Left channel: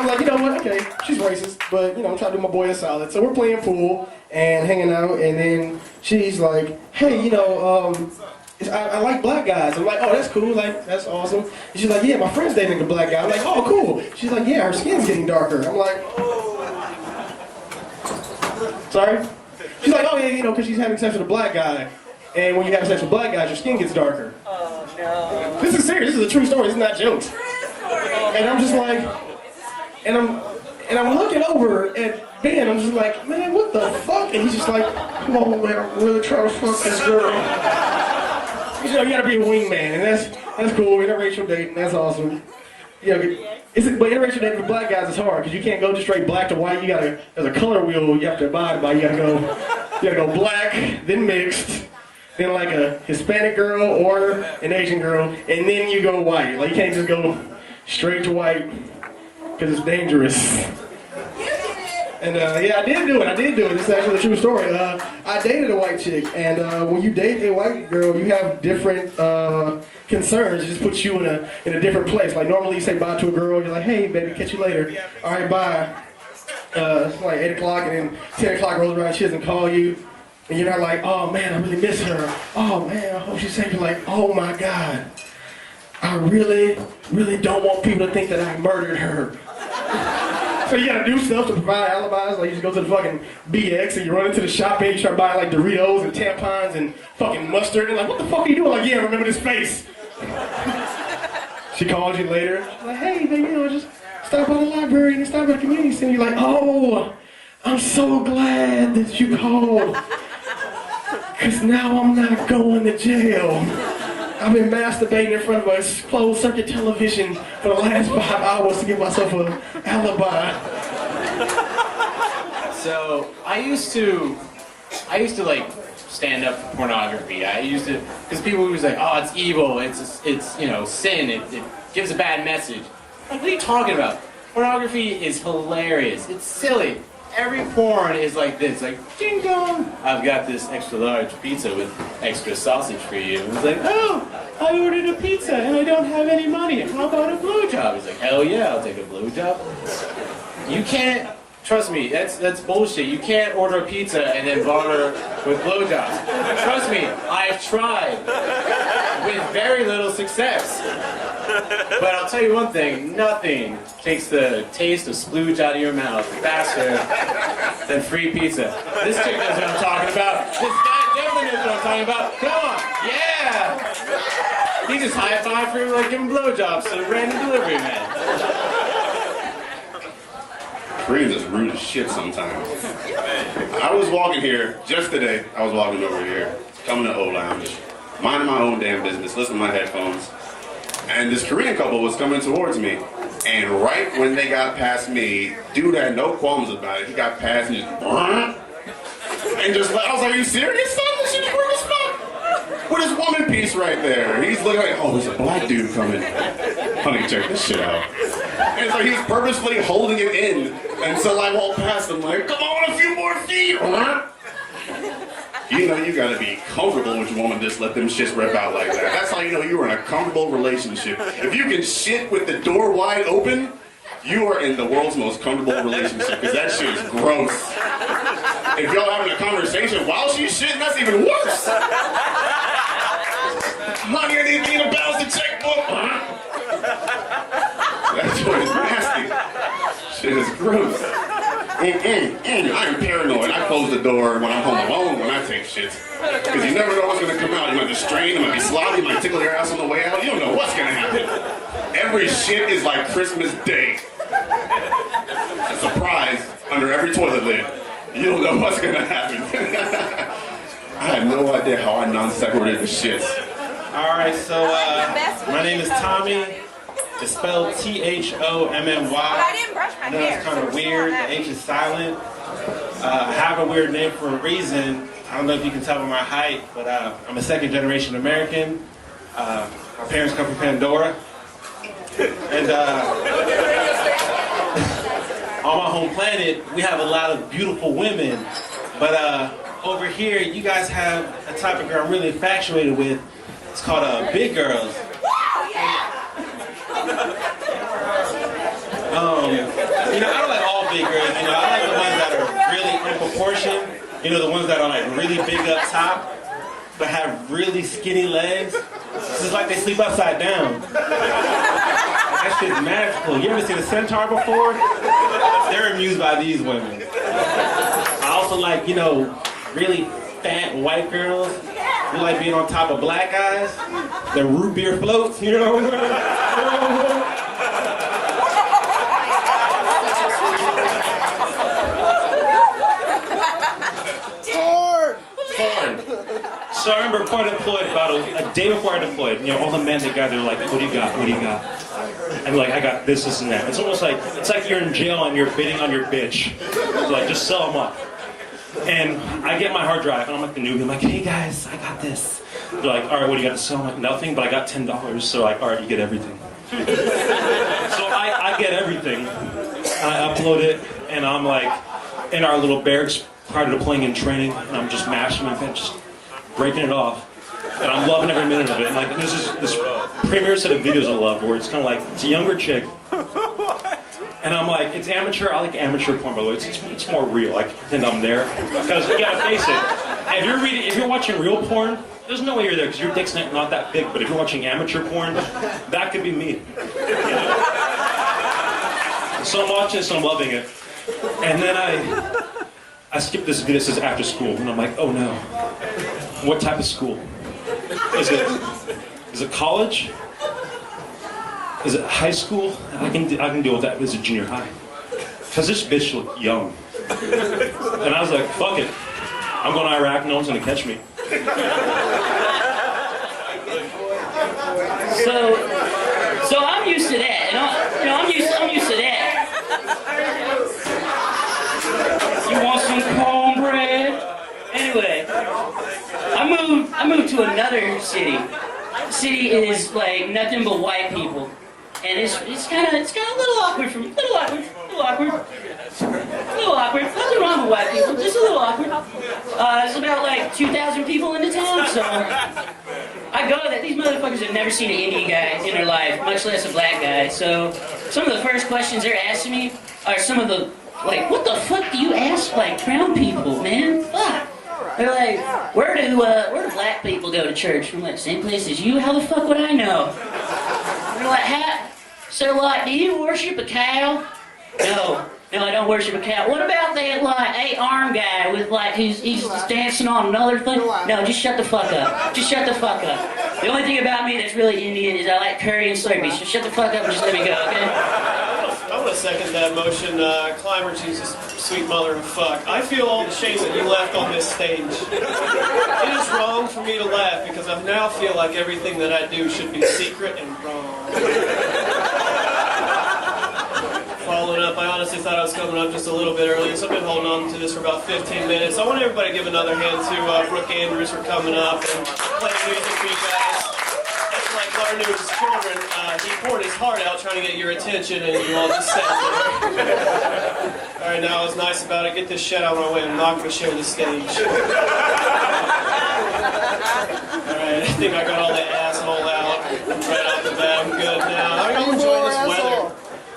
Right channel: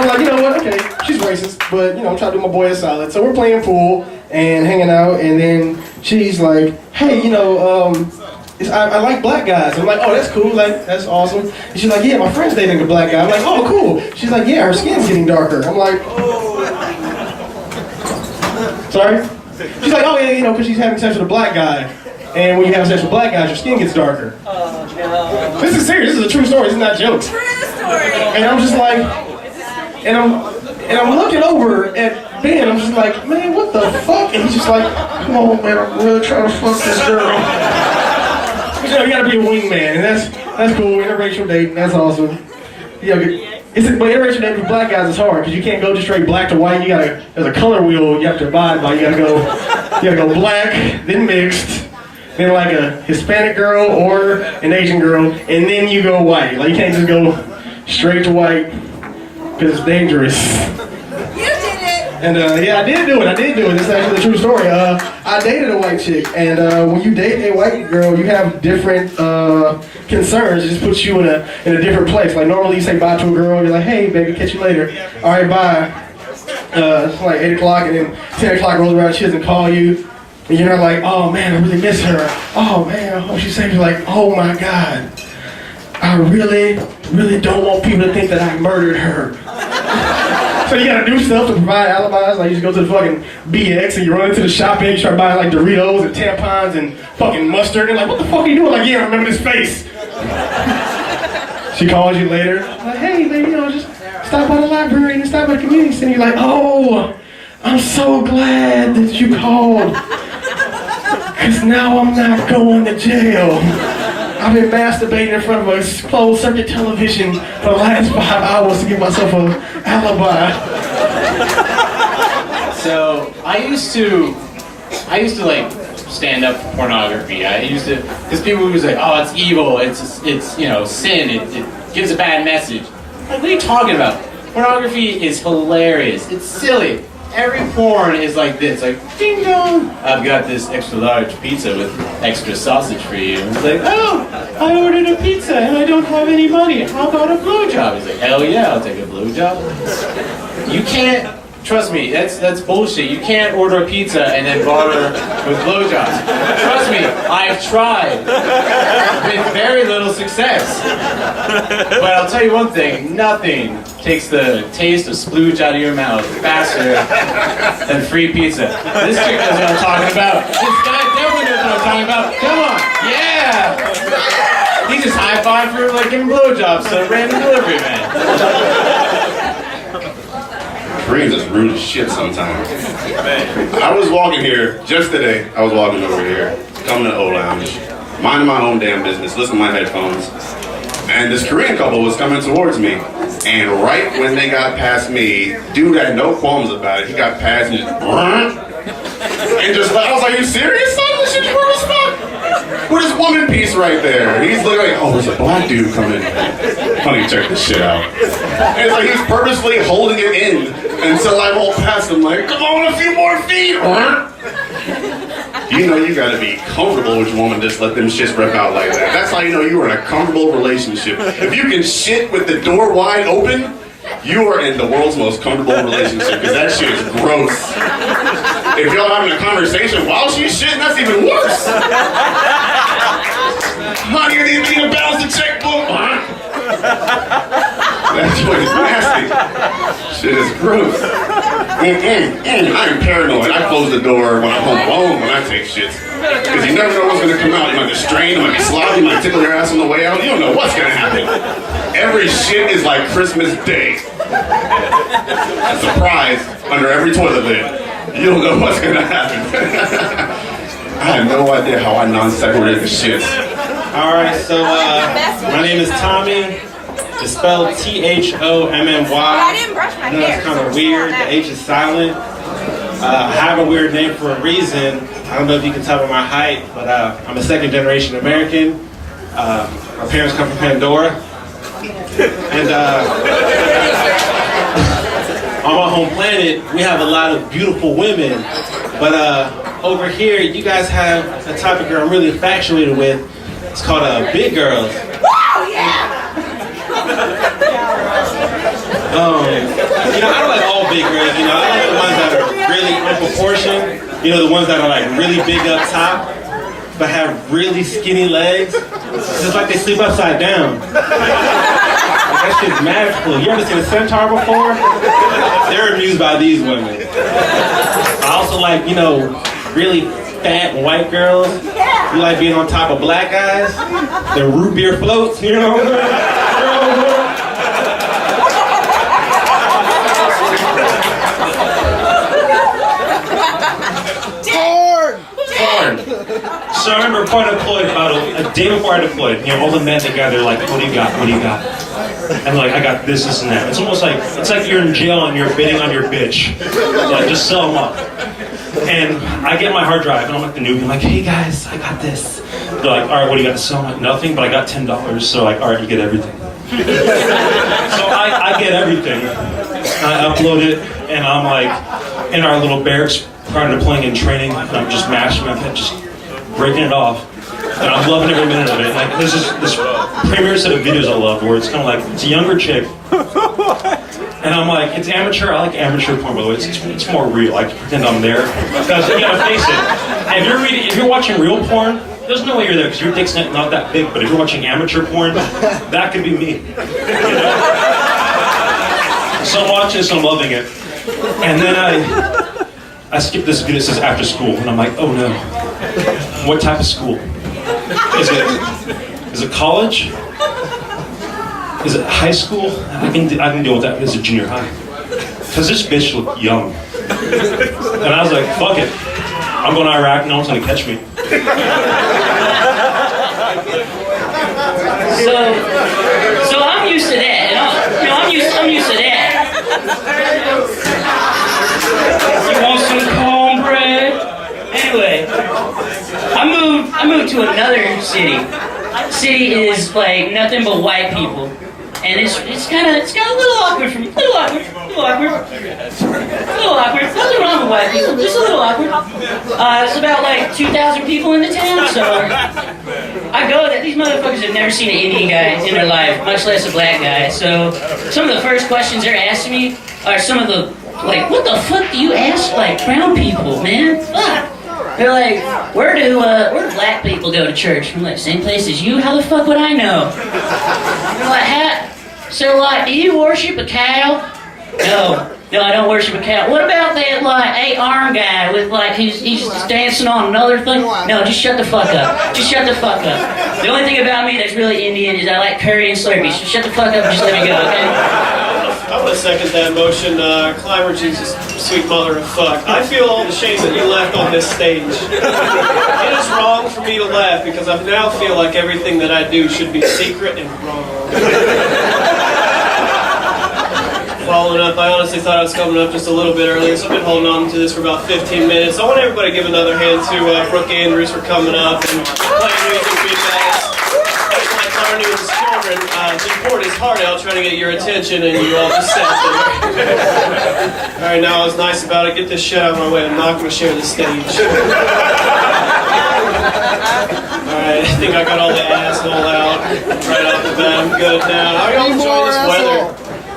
I was like, you know what, okay, she's racist, but I'm trying to do my boy a solid. So we're playing pool and hanging out, and then she's like, hey, I like black guys. I'm like, oh, that's cool, like, that's awesome. And she's like, yeah, my friend's dating a black guy. I'm like, oh, cool. She's like, yeah, her skin's getting darker. I'm like, oh. Sorry? She's like, oh, yeah, because she's having sex with a black guy. And when you have sex with black guys, your skin gets darker. Oh, no. This is serious. This is a true story. This is not jokes. True story. And I'm just like, and I'm looking over at Ben. I'm just like, man, what the fuck? And he's just like, come on, man, I'm really trying to fuck this girl. You gotta be a wingman, and that's cool. Interracial dating, that's awesome. But interracial dating for black guys is hard because you can't go just straight black to white. There's a color wheel you have to abide by. You gotta go black, then mixed, then like a Hispanic girl or an Asian girl, and then you go white. Like you can't just go straight to white because it's dangerous. You did it! And yeah, I did do it. This is actually the true story. I dated a white chick, and when you date a white girl, you have different concerns. It just puts you in a different place. Like normally you say bye to a girl, and you're like, hey, baby, catch you later. All right, bye. It's like 8 o'clock, and then 10 o'clock rolls around, she doesn't call you. And you're not like, oh man, I really miss her. Oh man, I hope she says, you're like, oh my God. I really, really don't want people to think that I murdered her. So you gotta do stuff to provide alibis. Like you just go to the fucking BX and you run into the shop and you start buying like Doritos and tampons and fucking mustard. And like, what the fuck are you doing? Like, yeah, I remember this face. She calls you later. Like, hey, baby, just stop by the library and stop by the community center. You're like, oh, I'm so glad that you called. Because now I'm not going to jail. I've been masturbating in front of a closed circuit television for the last 5 hours to give myself an alibi. So I used to like stand up for pornography. Because people were like, oh, it's evil, it's sin, it gives a bad message. Like, what are you talking about? Pornography is hilarious, it's silly. Every porn is like this, like, ding dong, I've got this extra large pizza with extra sausage for you. It's like, oh, I ordered a pizza and I don't have any money. How about a blowjob? He's like, hell yeah, I'll take a blowjob. You can't, trust me, that's bullshit. You can't order a pizza and then barter with blowjobs. Trust me, I've tried with very little success. But I'll tell you one thing, nothing takes the taste of splooge out of your mouth faster than free pizza. This chick knows what I'm talking about. This guy definitely knows what I'm talking about. Come on, yeah! He just high-fived for like giving blowjobs to a random delivery man. Dreams is rude as shit sometimes. I was walking here, just today, I was walking over here, coming to O Lounge, minding my own damn business, listening to my headphones, and this Korean couple was coming towards me. And right when they got past me, dude had no qualms about it. He got past me and just I was like, are you serious, son? This shit's weird as fuck. With his woman piece right there. He's looking like, oh, there's a black dude coming. Honey, check this shit out. And it's like he's purposely holding it in. And so I roll past him like, come on, a few more feet. You know you gotta be comfortable with your woman, just let them shits rip out like that. That's how you know you are in a comfortable relationship. If you can shit with the door wide open, you are in the world's most comfortable relationship, because that shit is gross. If y'all having a conversation while she's shitting, that's even worse. Honey, you need to balance the checkbook. That joint is nasty. Shit is gross. I am paranoid. I close the door when I'm home alone when I take shits. Because you never know what's going to come out. You might be strained, you might be sloppy, you might tickle your ass on the way out. You don't know what's going to happen. Every shit is like Christmas Day. A surprise under every toilet lid. You don't know what's going to happen. I have no idea how I non-separated the shits. Alright, so my name is Thommy. It's spelled Thommy. I know it's kind of weird. The H is silent. I have a weird name for a reason. I don't know if you can tell by my height, but I'm a second-generation American. My parents come from Pandora. And on my home planet, we have a lot of beautiful women. But over here, you guys have a type of girl I'm really infatuated with. It's called big girls. Woo, yeah! big rig. You know, I like the ones that are really unproportioned. You know, the ones that are like really big up top, but have really skinny legs. It's like they sleep upside down. Like, that shit's magical. You ever seen a centaur before? They're amused by these women. I also like, you know, really fat white girls. You like being on top of black guys. The root beer floats, you know? So I remember before I deployed, about a day before I deployed, you know, all the men together, like, what do you got, what do you got? And like, I got this, this, and that. It's almost like, it's like you're in jail and you're bidding on your bitch. Like, just sell them up. And I get my hard drive, and I'm like the noob, I'm like, hey guys, I got this. They're like, all right, what do you got to sell? I'm like, nothing, but I got $10. So like, all right, you get everything. So I get everything. I upload it, and I'm like, in our little barracks, prior to deploying and training, and I'm just mashing my head, just breaking it off. And I'm loving every minute of it. Like, this premier set of videos I love, where it's kind of like, it's a younger chick. And I'm like, it's amateur. I like amateur porn, by the way. It's more real. I pretend I'm there. Because, you gotta face it, if you're watching real porn, there's no way you're there, because your dick's not that big. But if you're watching amateur porn, that could be me. You know? So I'm watching this, I'm loving it. And then I skip this video that says after school, and I'm like, oh no. What type of school? Is it college? Is it high school? I can deal with that as a junior high. Because this bitch looked young. And I was like, fuck it. I'm going to Iraq, no one's going to catch me. So I'm used to that. I'm used to that. You want some cornbread? Anyway, I moved to another city. City is like nothing but white people, and it's kind of a little awkward a little awkward. Nothing wrong with white people, just a little awkward. It's about like 2,000 people in the town, so I go there. These motherfuckers have never seen an Indian guy in their life, much less a black guy. So some of the first questions they're asking me are some of the like, what the fuck do you ask like brown people, man? Fuck. They're like, where do black people go to church? I'm like, same place as you? How the fuck would I know? They're like, so like, do you worship a cow? No, I don't worship a cow. What about that like 8-arm guy with like he's just dancing on another thing? No, just shut the fuck up. Just shut the fuck up. The only thing about me that's really Indian is I like curry and Slurpees. So shut the fuck up and just let me go, okay? I would second that motion. Clymer, Jesus, sweet mother of fuck. I feel all the shame that you left on this stage. It is wrong for me to laugh because I now feel like everything that I do should be secret and wrong. Following up, I honestly thought I was coming up just a little bit earlier, so I've been holding on to this for about 15 minutes. I want everybody to give another hand to Brooke Andrews for coming up and playing music videos. That's my cartoon's children. He poured his heart out trying to get your attention, and you all just sat there. Alright, now I was nice about it. Get this shit out of my way. I'm not going to share the stage. Alright, I think I got all the asshole out right off the bat. I'm good now. How y'all enjoying this weather?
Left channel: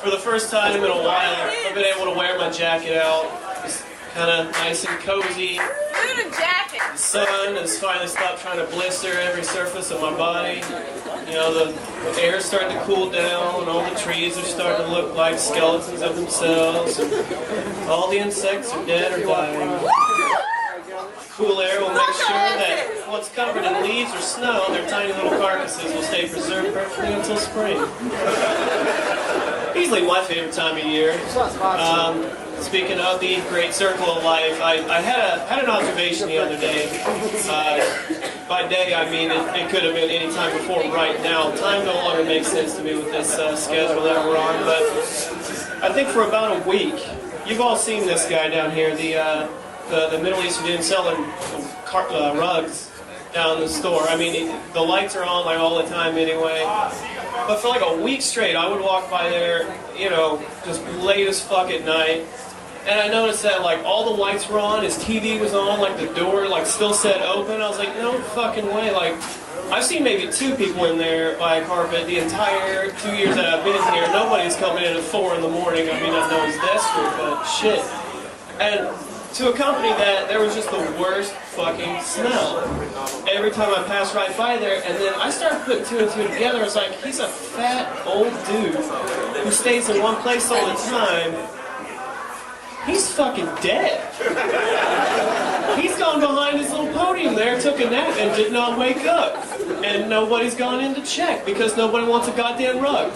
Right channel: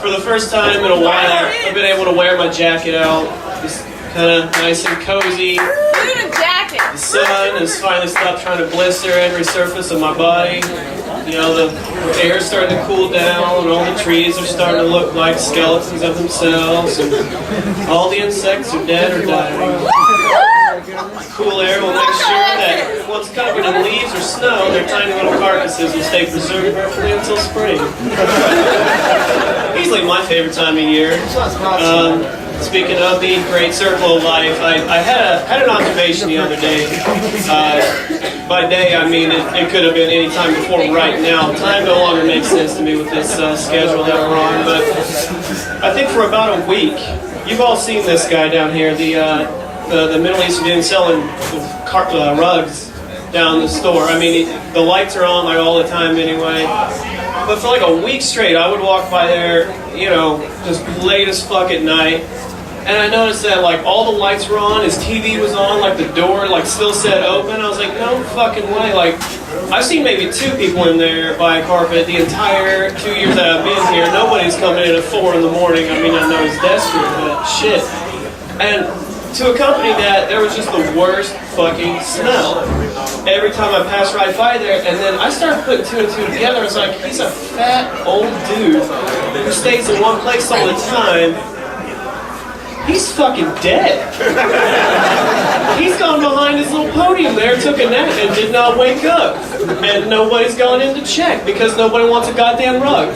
For the first time in a while, I've been able to wear my jacket out. Just kind of nice and cozy. The sun has finally stopped trying to blister every surface of my body. You know, the air's starting to cool down, and all the trees are starting to look like skeletons of themselves, and all the insects are dead or dying. Cool air will make sure that what's covered in leaves or snow, their tiny little carcasses will stay preserved perfectly until spring. Easily my favorite time of year. Speaking of the great circle of life, I had an observation the other day. By day, I mean it could have been any time before right now. Time no longer makes sense to me with this schedule that we're on, but I think for about a week, you've all seen this guy down here, the Middle Eastern dude selling rugs down the store. I mean, the lights are on like all the time anyway. But for like a week straight, I would walk by there, you know, just late as fuck at night. And I noticed that like all the lights were on, his TV was on, like the door like still said open. I was like, no fucking way. Like, I've seen maybe 2 people in there buy a carpet the entire 2 years that I've been here. Nobody's coming in at 4 in the morning. I mean, I know he's dead. pedestrian, but shit. And to accompany that, there was just the worst fucking smell. Every time I passed right by there, and then I started putting two and two together. I was like, he's a fat old dude who stays in one place all the time. He's fucking dead. He's gone behind his little podium there, took a nap, and did not wake up. And nobody's gone in to check because nobody wants a goddamn rug.